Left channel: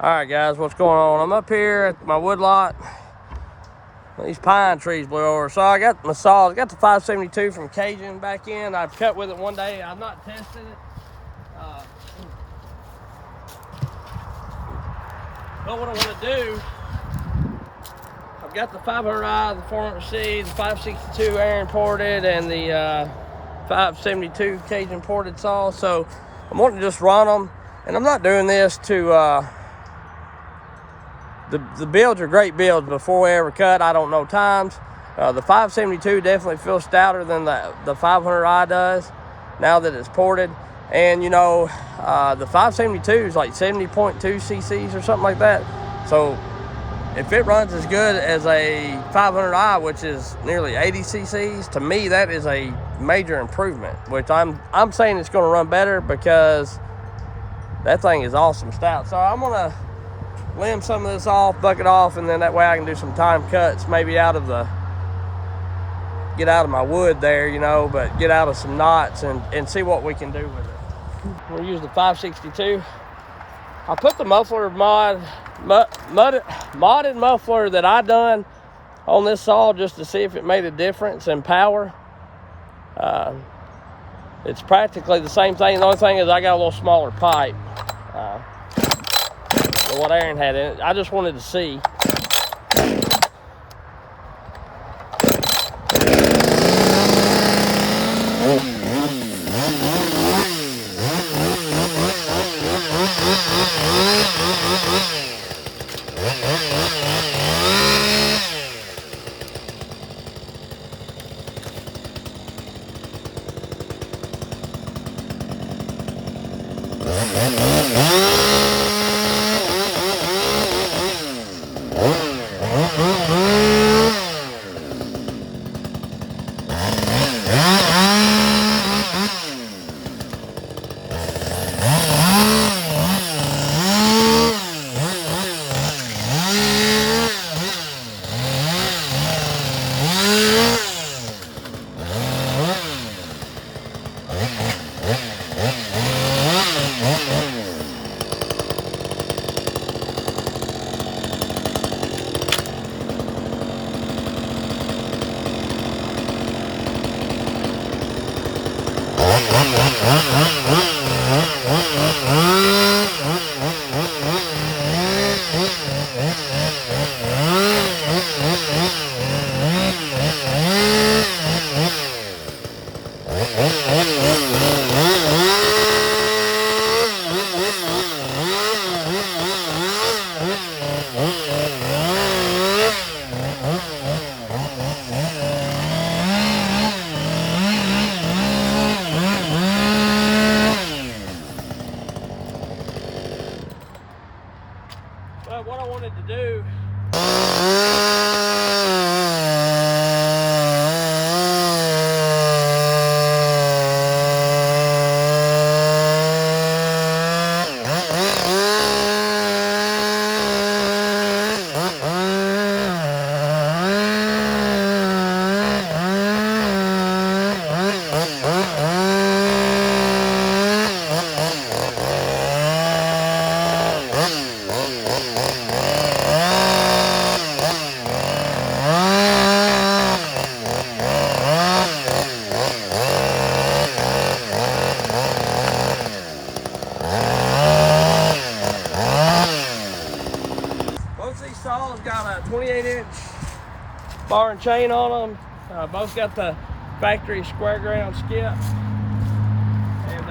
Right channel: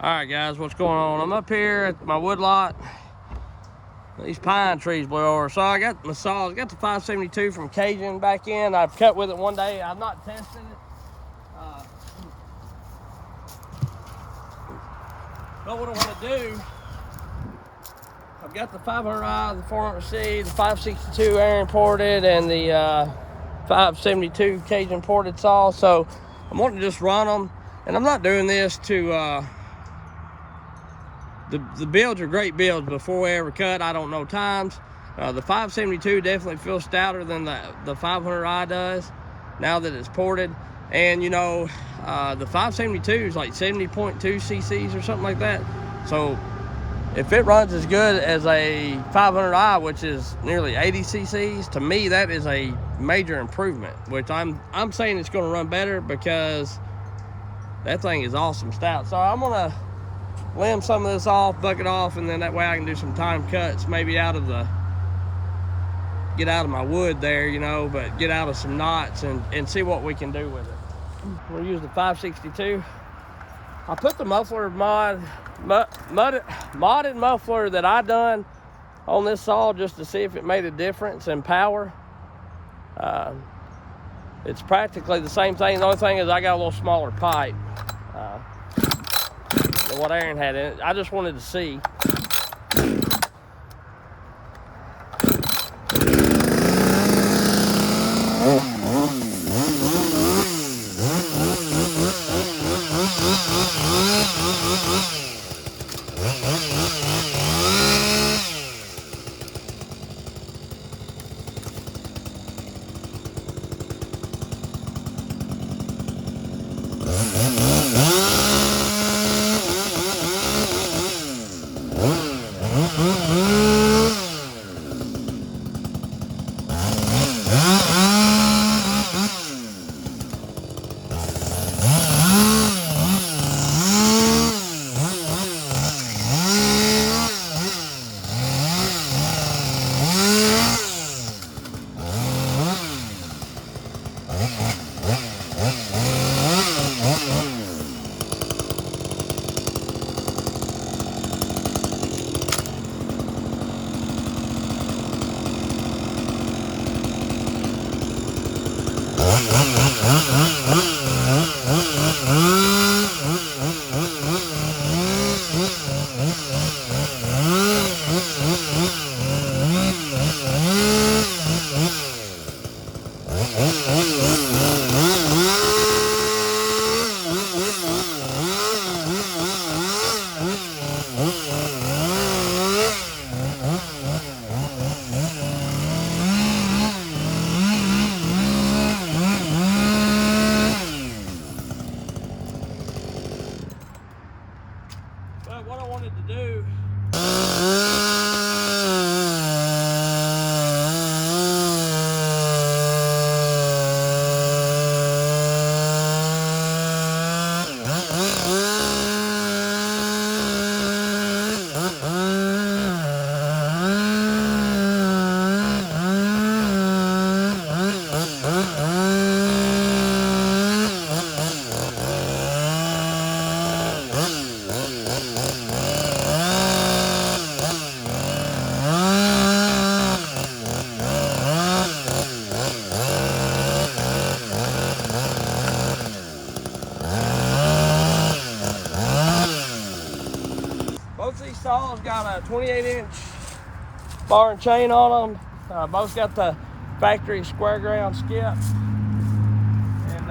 All right, guys, what's going on? I'm up here at my wood lot. These pine trees blew over. So I got my saw. I got the 572 from Cajun back in. I cut with it one day. I've not tested it. But what I want to do, I've got the 500i, the 400C, the 562 air imported, and the 572 Cajun ported saw. So I'm wanting to just run them. And I'm not doing this to... The builds are great builds. Before we ever cut, I don't know times. The 572 definitely feels stouter than the 500i does now that it's ported. And you know, the 572 is like 70.2 cc's or something like that. So if it runs as good as a 500i, which is nearly 80 cc's, to me that is a major improvement. Which I'm saying it's going to run better because that thing is awesome stout. So I'm gonna lend some of this off, bucket off, and then that way I can do some time cuts, maybe get out of my wood there, you know, but get out of some knots and see what we can do with it. We'll use the 562. I put the muffler modded muffler that I done on this saw just to see if it made a difference in power. It's practically the same thing. The only thing is I got a little smaller pipe. What Aaron had in it. I just wanted to see. But what I wanted to do, both these saws got a 28-inch bar and chain on them. Both got the factory square ground skip. And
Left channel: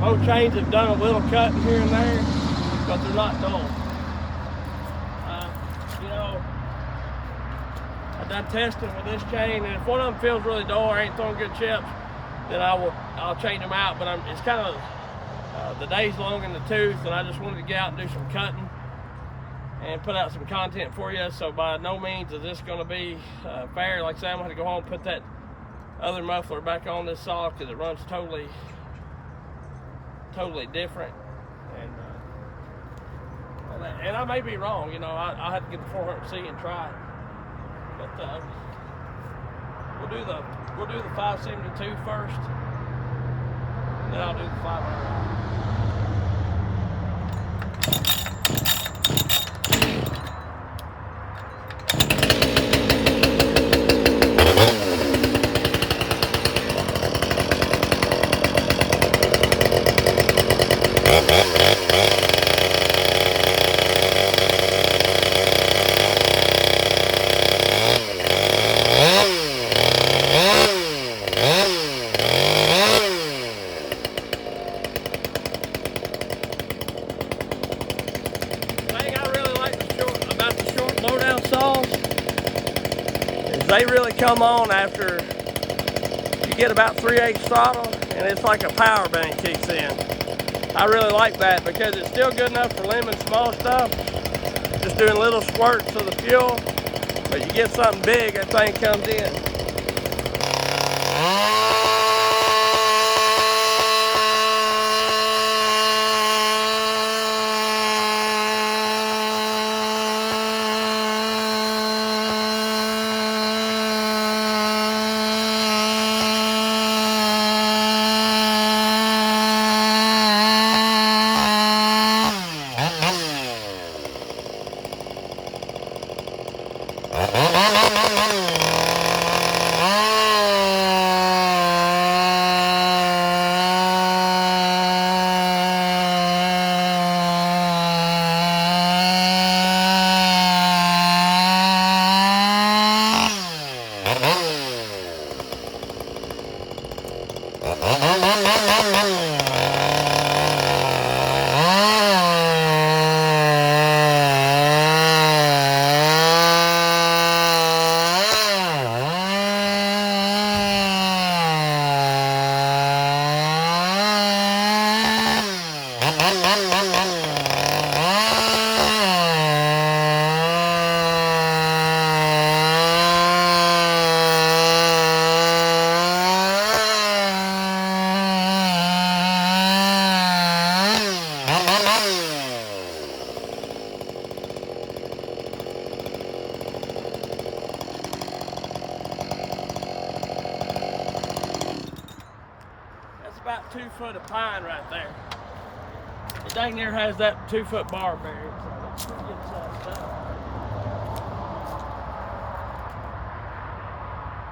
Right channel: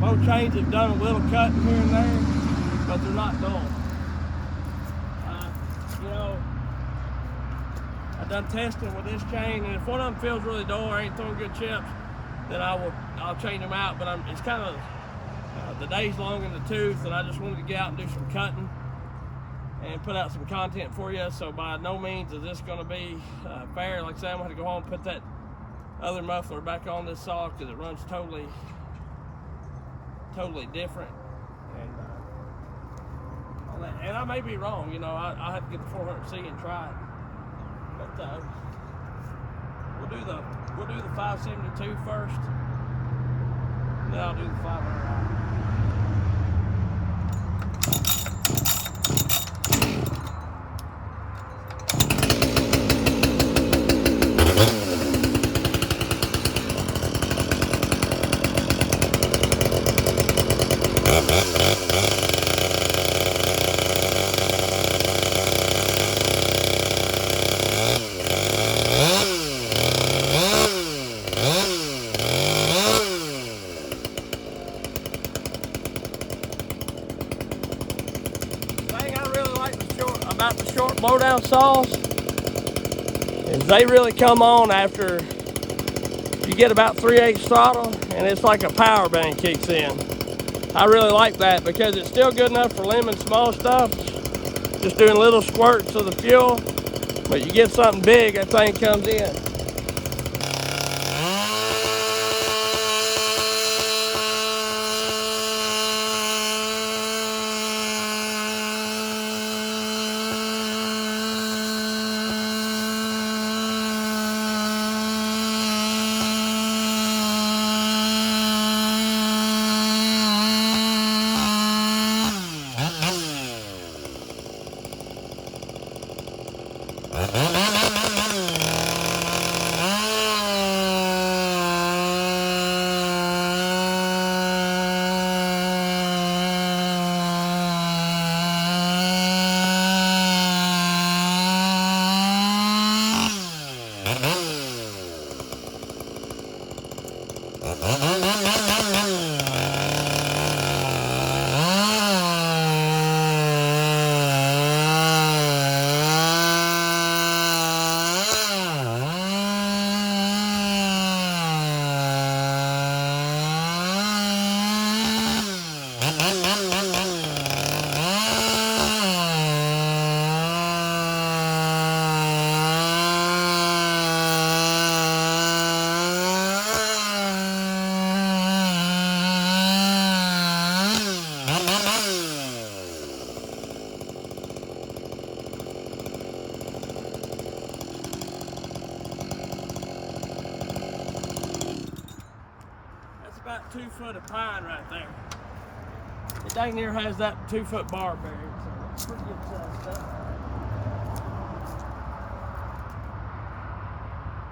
both chains have done a little cutting here and there, but they're not dull. You know, I've done testing with this chain, and if one of them feels really dull or ain't throwing good chips, then I'll change them out. But it's kind of the day's long in the tooth, and I just wanted to get out and do some cutting and put out some content for you. So by no means is this going to be fair. Like I said, I'm going to go home and put that other muffler back on this saw because it runs totally different. And I may be wrong, you know. I had to get the 400C and try it, but we'll do the 572 first, and then I'll do the 500i. Blowdown saws is they really come on after you get about 3/8 throttle, and it's like a power band kicks in. I really like that because it's still good enough for limiting small stuff, just doing little squirts of the fuel, but you get something big, that thing comes in. About 2 foot of pine right there. It dang near has that 2 foot bar buried, so that's pretty good size stuff.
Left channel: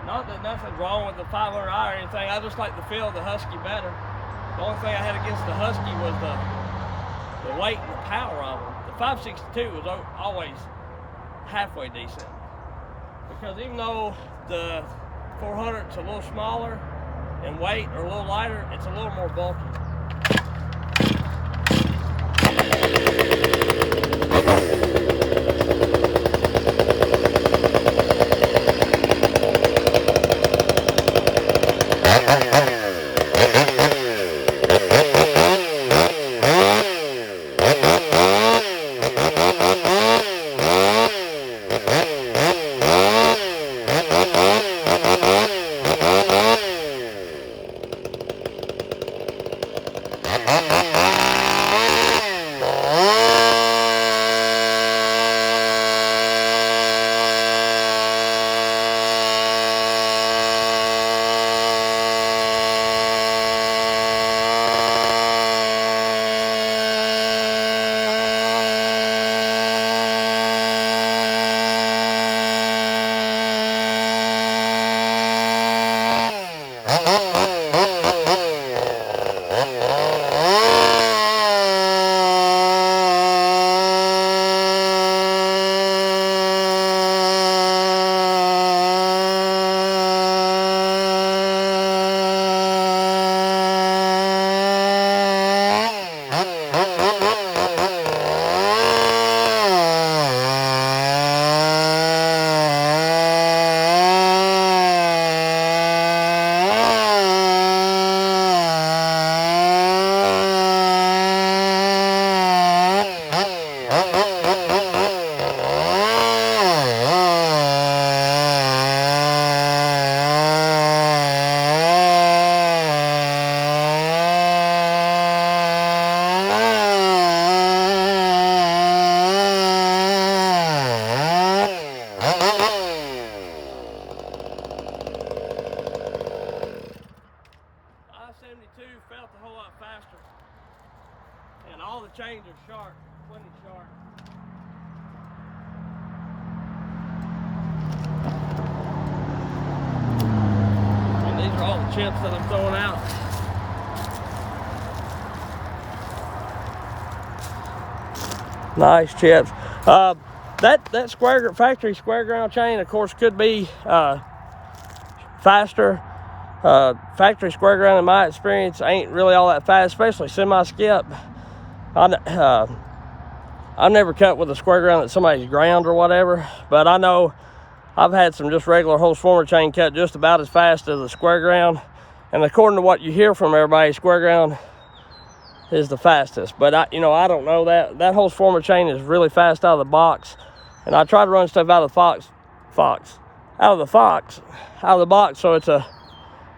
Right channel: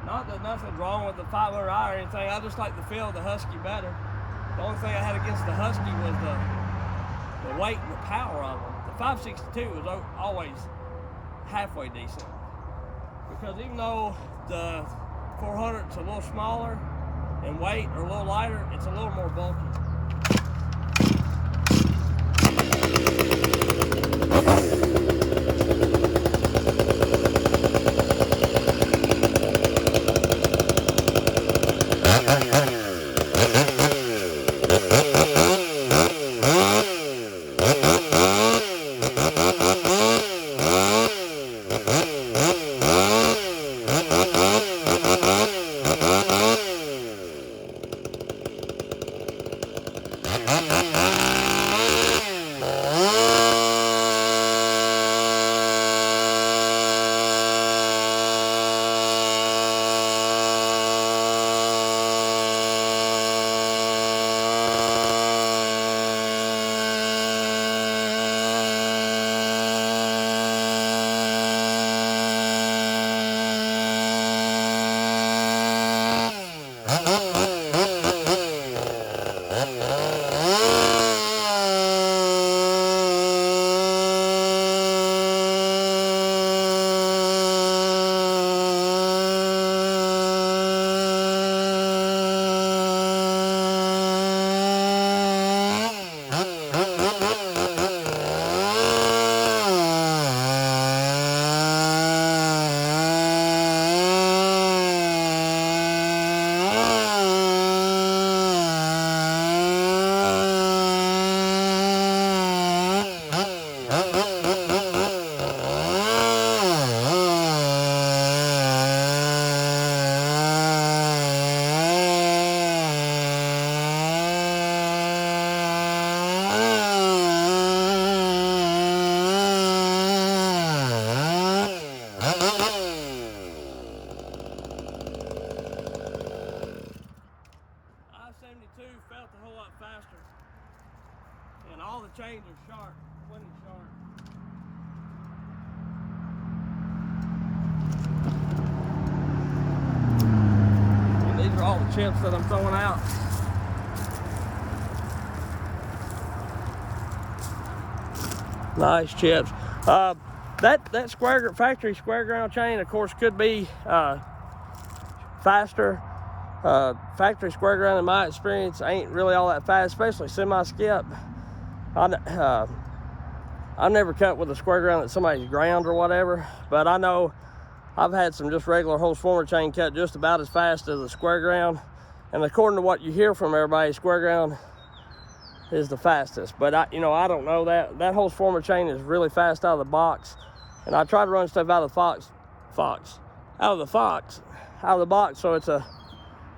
Not that nothing's wrong with the 500i or anything, I just like the feel of the Husky better. The only thing I had against the Husky was the weight and the power of them. The 562 was always halfway decent, because even though the 400's a little smaller in weight or a little lighter, it's a little more bulky. Felt a whole lot faster, and all the chains are sharp, plenty sharp. And these are all the chips that I'm throwing out. Nice chips. That factory square ground chain, of course, could be faster. Factory square ground, in my experience, ain't really all that fast, especially semi-skip. I've never cut with a square ground that somebody's ground or whatever, but I know I've had some just regular Holst former chain cut just about as fast as the square ground. And according to what you hear from everybody, square ground is the fastest. But I don't know that. That Holst former chain is really fast out of the box. And I try to run stuff out of the box, so it's a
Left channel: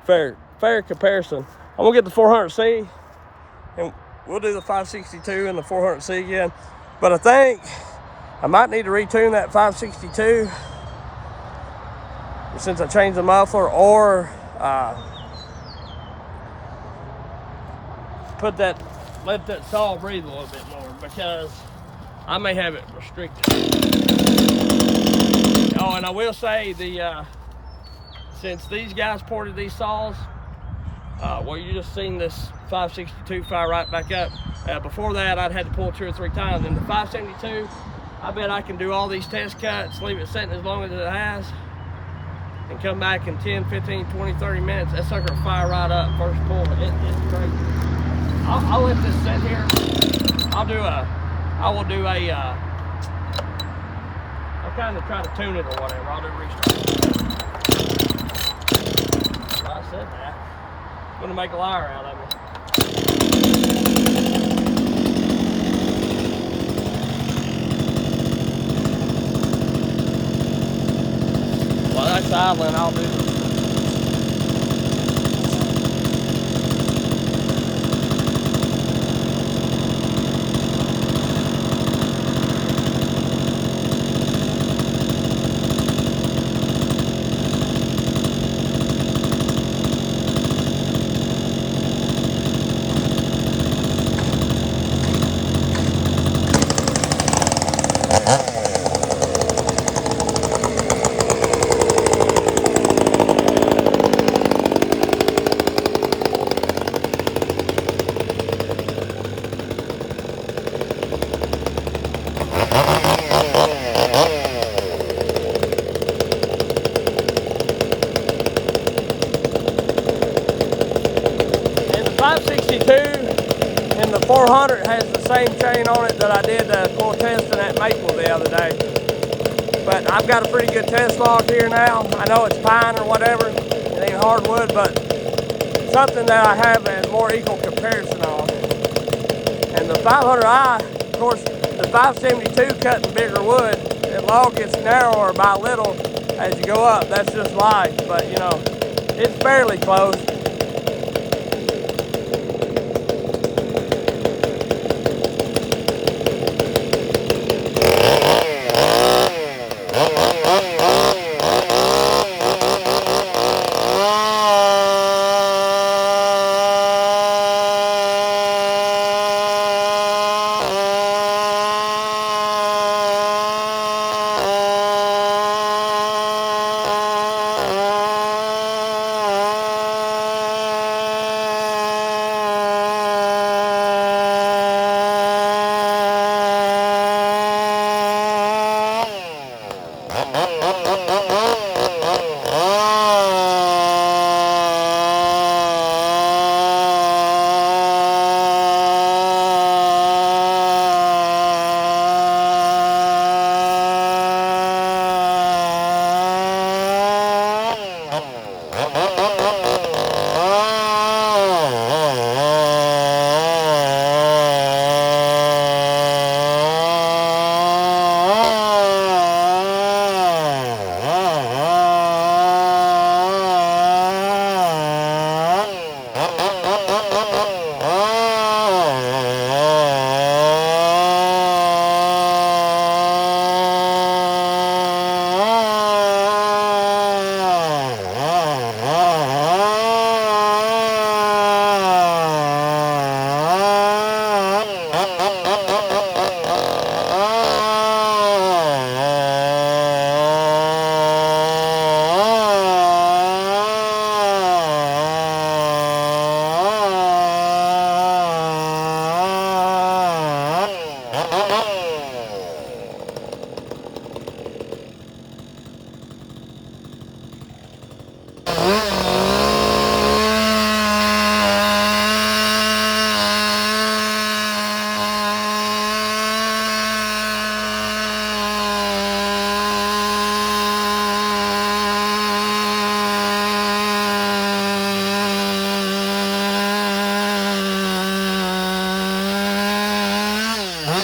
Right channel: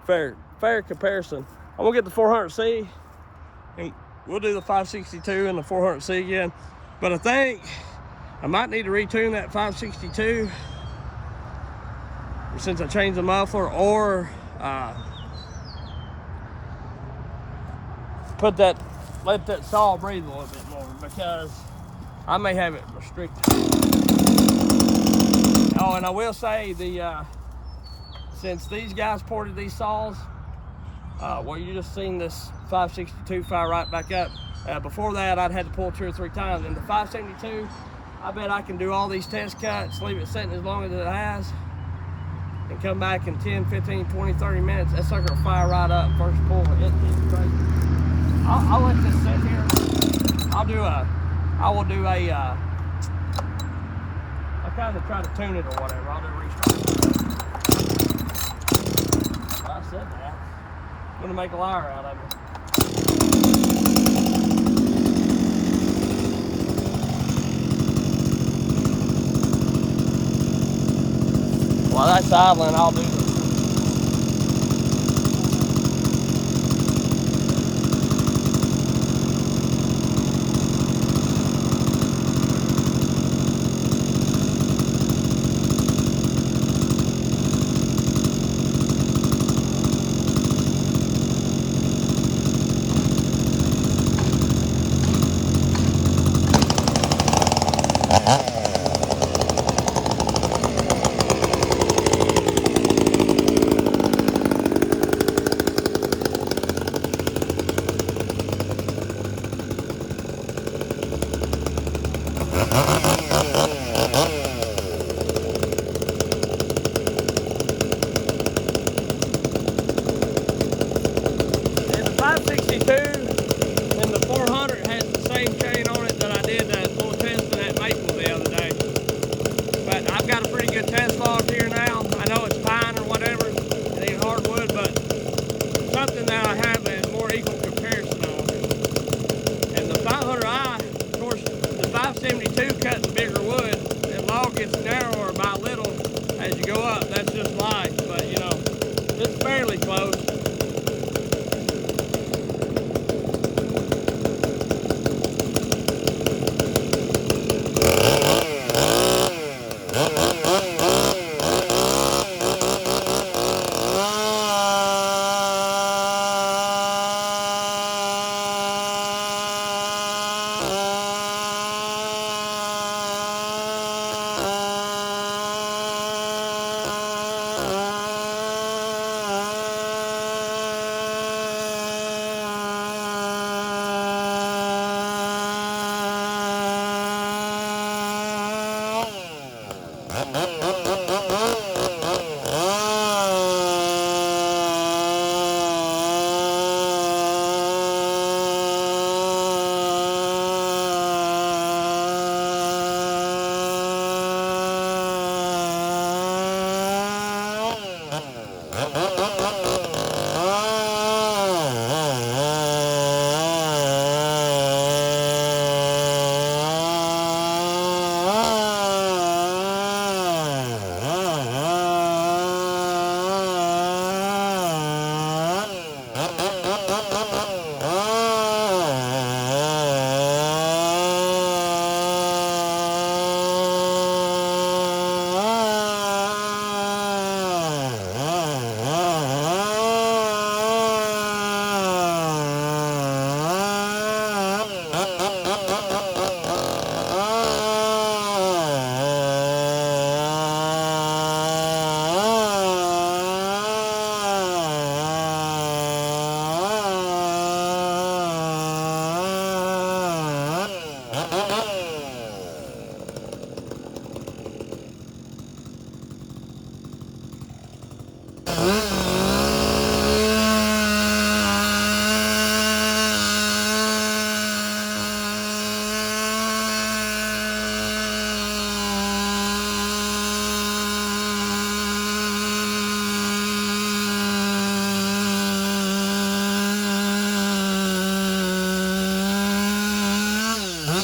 fair comparison. I'm gonna get the 400C, and we'll do the 562 and the 400C again. But I think I might need to retune that 562 since I changed the muffler, or let that saw breathe a little bit more, because I may have it restricted. Oh, and I will say, since these guys ported these saws, well, you just seen this 562 fire right back up. Before that, I'd had to pull 2 or 3 times. And the 572, I bet I can do all these test cuts, leave it sitting as long as it has, and come back in 10, 15, 20, 30 minutes. That sucker will fire right up first pull. It's great. I'll let this sit here. I'll kind of try to tune it or whatever. I'll do a restart. Well, I said that. I'm gonna make a liar out of me. While that's idling, I'll do this. Same chain on it that I did full testing at Maple the other day. But I've got a pretty good test log here now. I know it's pine or whatever, it ain't hardwood, but something that I have a more equal comparison on. And the 500i, of course, the 572 cutting bigger wood, the log gets narrower by little as you go up. That's just life, but it's fairly close.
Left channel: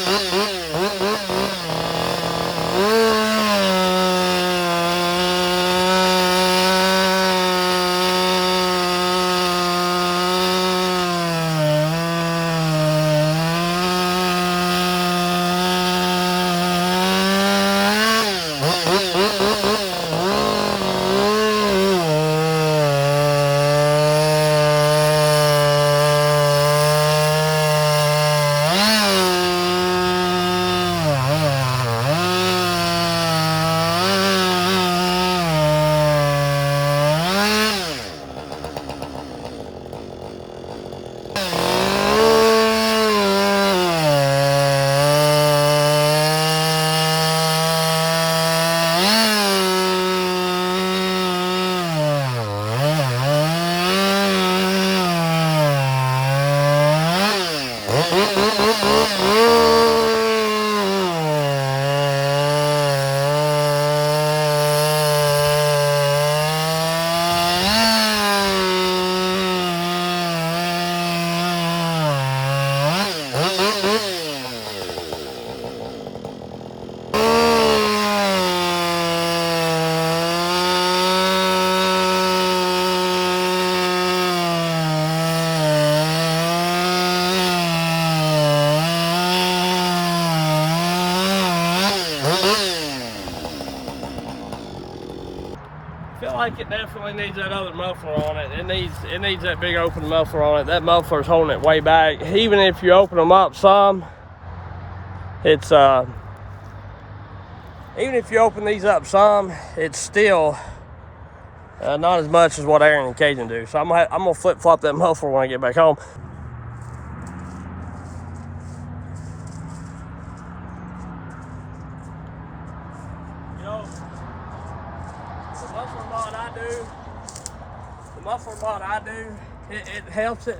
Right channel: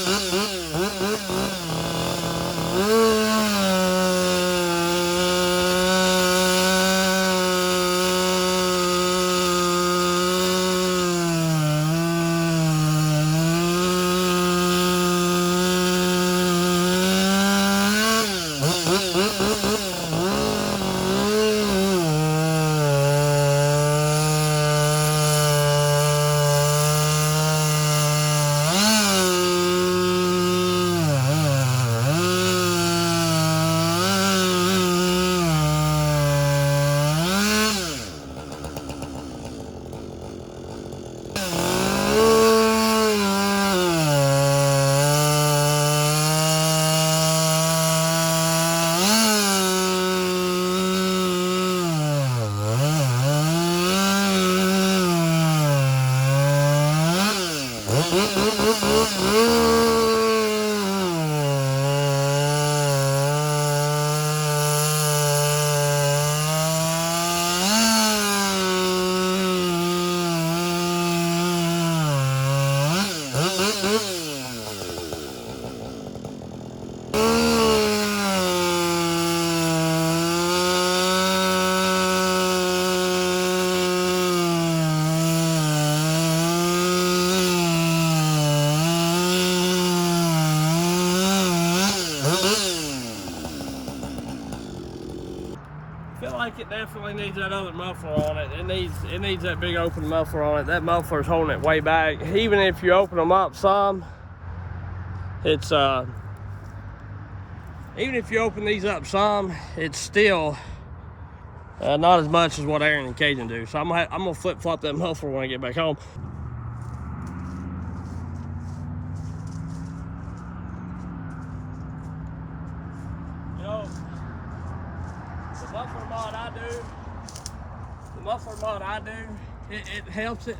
I feel like it definitely needs that other muffler on it. It needs that big open muffler on it. That muffler's holding it way back. Even if you open them up some, it's even if you open these up some, it's still not as much as what Aaron and Cajun do. So I'm gonna flip flop that muffler when I get back home. You know, the muffler mod I do, it helps it.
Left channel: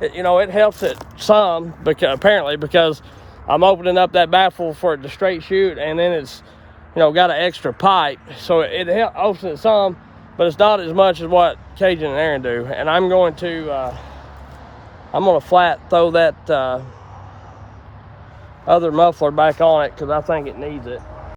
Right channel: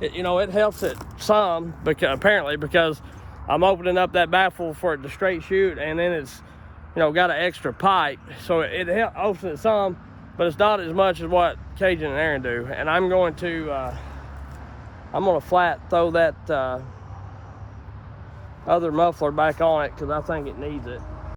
You know, it helps it some because I'm opening up that baffle for it to straight shoot, and then it's, you know, got an extra pipe, so it helps it some, but it's not as much as what Cajun and Aaron do. And I'm gonna flat throw that other muffler back on it because I think it needs it.